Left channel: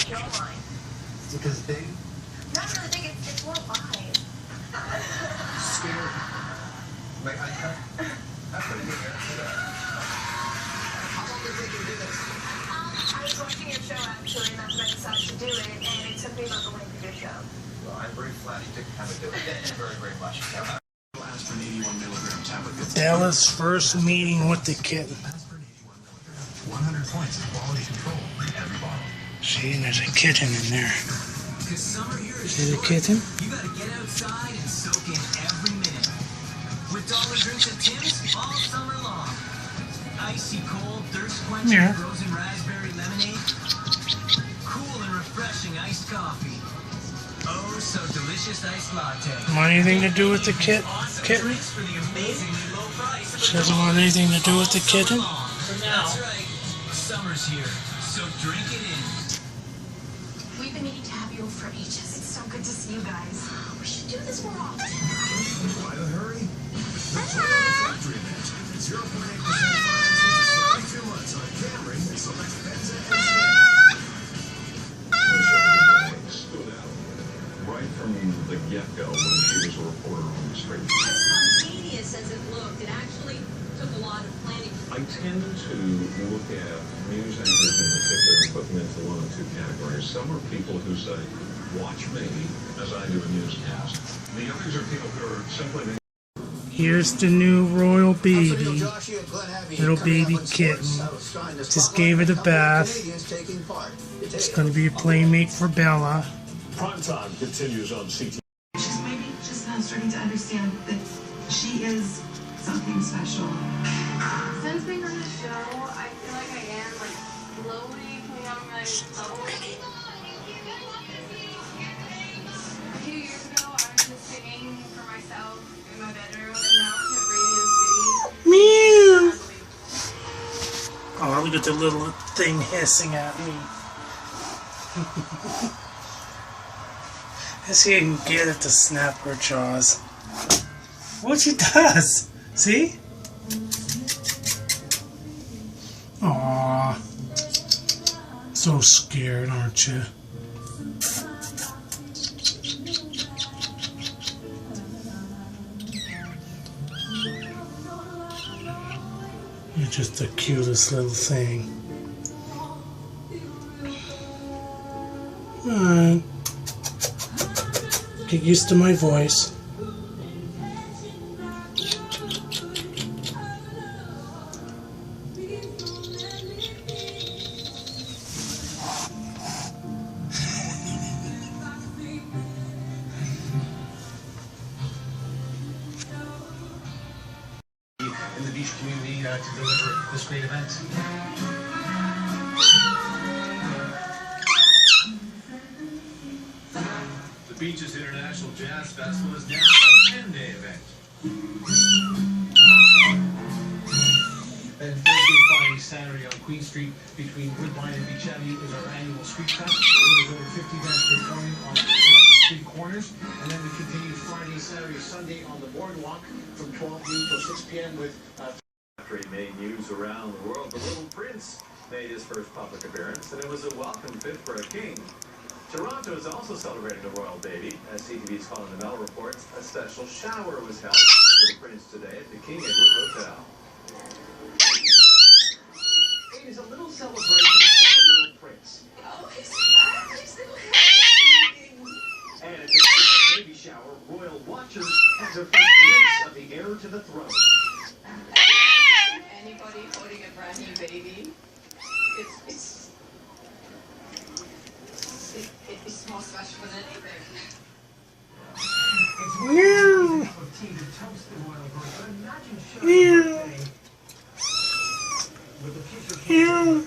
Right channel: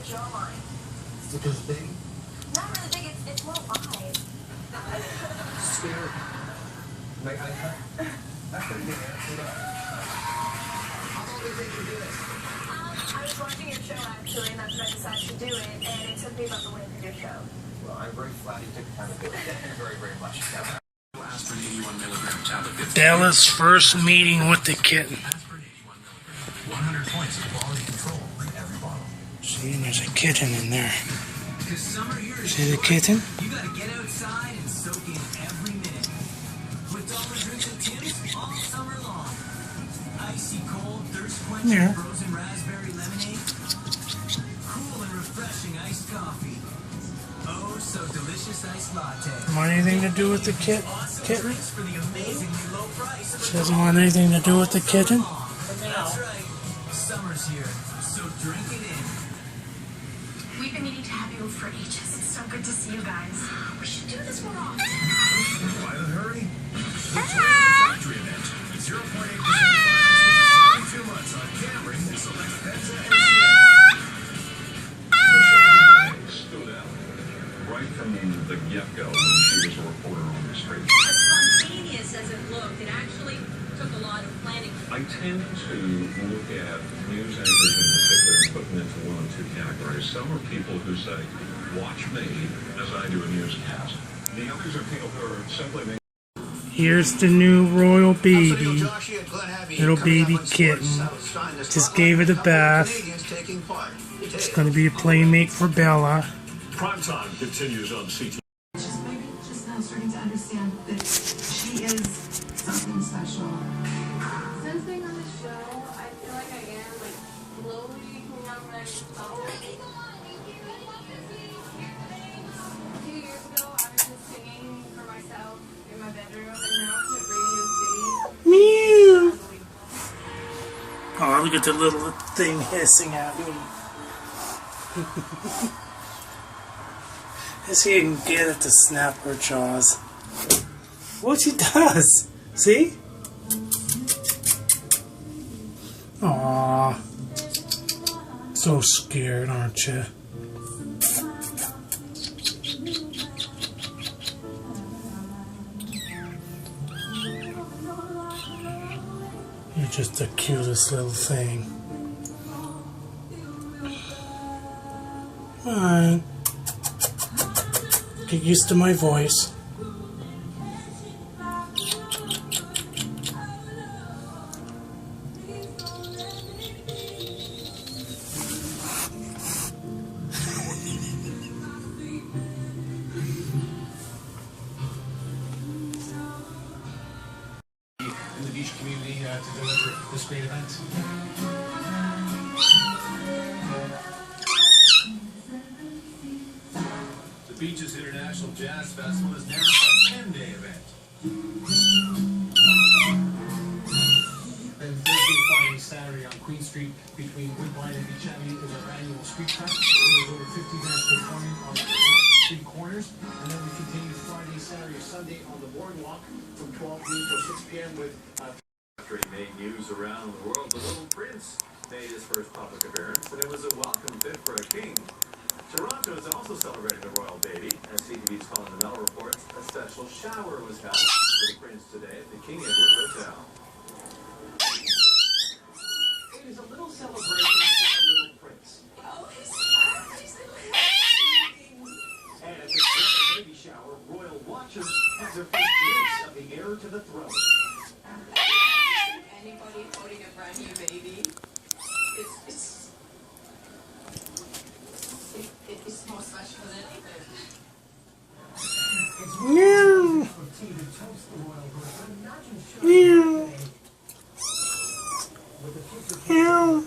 Is it because big? Not really big, it's more wide. Scary. Like, that's pretty big. How long did it take you to do this? I was watching your show actually, and that's when I decided to do it, and it took me about the length of your show. Well, I'm very flattered you took the time to do it. Thank you very, very much. Bella's first meeting with the kitten. 100 points of quality control in every bottle. See, and there's a kitten in there. See the kitten? You gotta get outside and soak in every minute. With dollar drinks at Tim's all summer long. Icy cold, thirst quenching frozen raspberry lemonade. Cool and refreshing iced coffee. Oh, so delicious iced latte. Want anything to do with the kitten? She doesn't want anything to do with the kitten? That's right. Summer's here, so drink it in. We've been meaning to have you over for ages. It's so good to see you guys. We should do this more often. Why the hurry? The Toyota Factory event. 0.8% financing for 72 months on Camry and select Kitten. Stood out right from the get-go when she was a reporter on the street. As spontaneous as it looked, it actually took a lot of planning. I tend to look at news anchors in particular and put them into one of two categories. Some are people who say, watch me as I do a newscast. The others are people who are simply... Here's the new royal baby. Little baby kitten. Just gave it a bath. It's going to be a playmate for Bella. Primetime continues on CT. Maybe just now starting to understand that she is something special. Since being on the show, I feel like I am slowly coming out of my bubble. A few years ago, I was just singing for myself in my bedroom, and now it's at Radio City. Meow! Oh, look at the little thing hissing at me. Let's see if you can get it to snap her jaws. What she does? See? Aww. So scared, aren't you? You're just the cutest little thing. Alright. Get used to my voice. In the beach community to deliver this great event. The Beaches International Jazz Festival is now a 10-day event. And Thursday, Friday, Saturday on Queen Street between Woodbine and Beach Avenue is our annual street fest. There's over 50 bands performing on the street corners. And then we continue Friday, Saturday, Sunday on the boardwalk from 12 noon till 6 p.m. with... Made news around the world. The Little Prince made his first public appearance, and it was a welcome fit for a king. Toronto is also celebrating the royal baby. As CTV's Colin Mel reports, a special shower was held for the prince today at the King Edward Hotel. It is a little celebration for the Little Prince. Oh, he's little happy. And at this royal baby shower, royal watchers have their first glimpse of the heir to the throne. Anybody holding a brand new baby, it's more special than anything. Meow! Meow! Meow!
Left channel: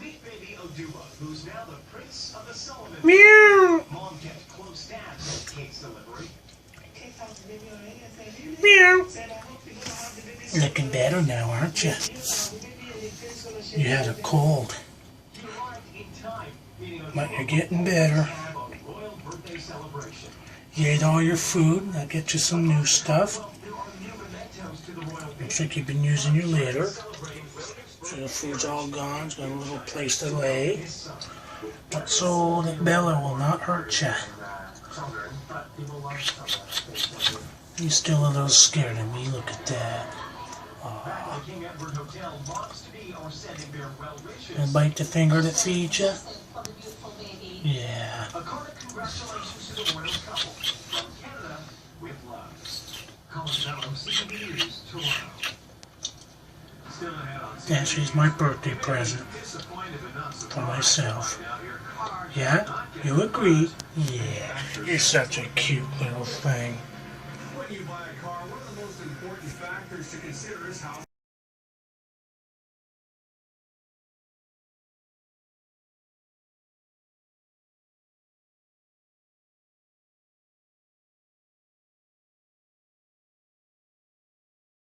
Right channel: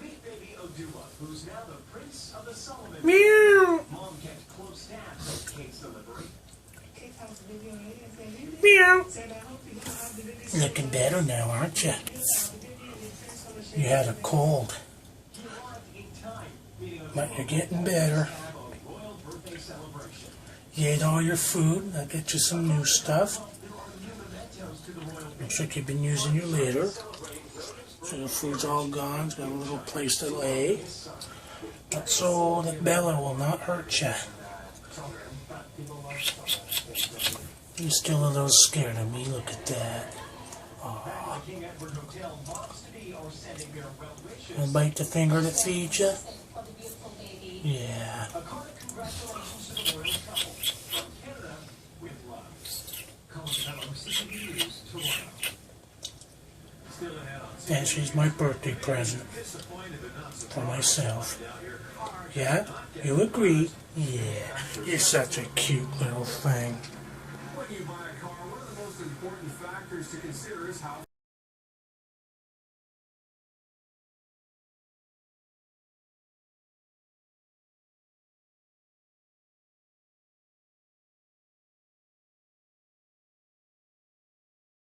Meet baby Odua, who's now the Prince of the Solomon. Meow! Mom kept close tabs on Kate's delivery. Meow! Looking better now, aren't you? You had a cold, but you're getting better. You ate all your food. I'll get you some new stuff. Looks like you've been using your litter. So the food's all gone. It's got a little place to lay. But so that Bella will not hurt you. You're still a little scared of me. Look at that. Aww. And bite the finger that feeds you? Yeah. Yeah, she's my birthday present for myself. Yeah? You agree? Yeah. You're such a cute little thing. When you buy a car, one of the most important factors to consider is how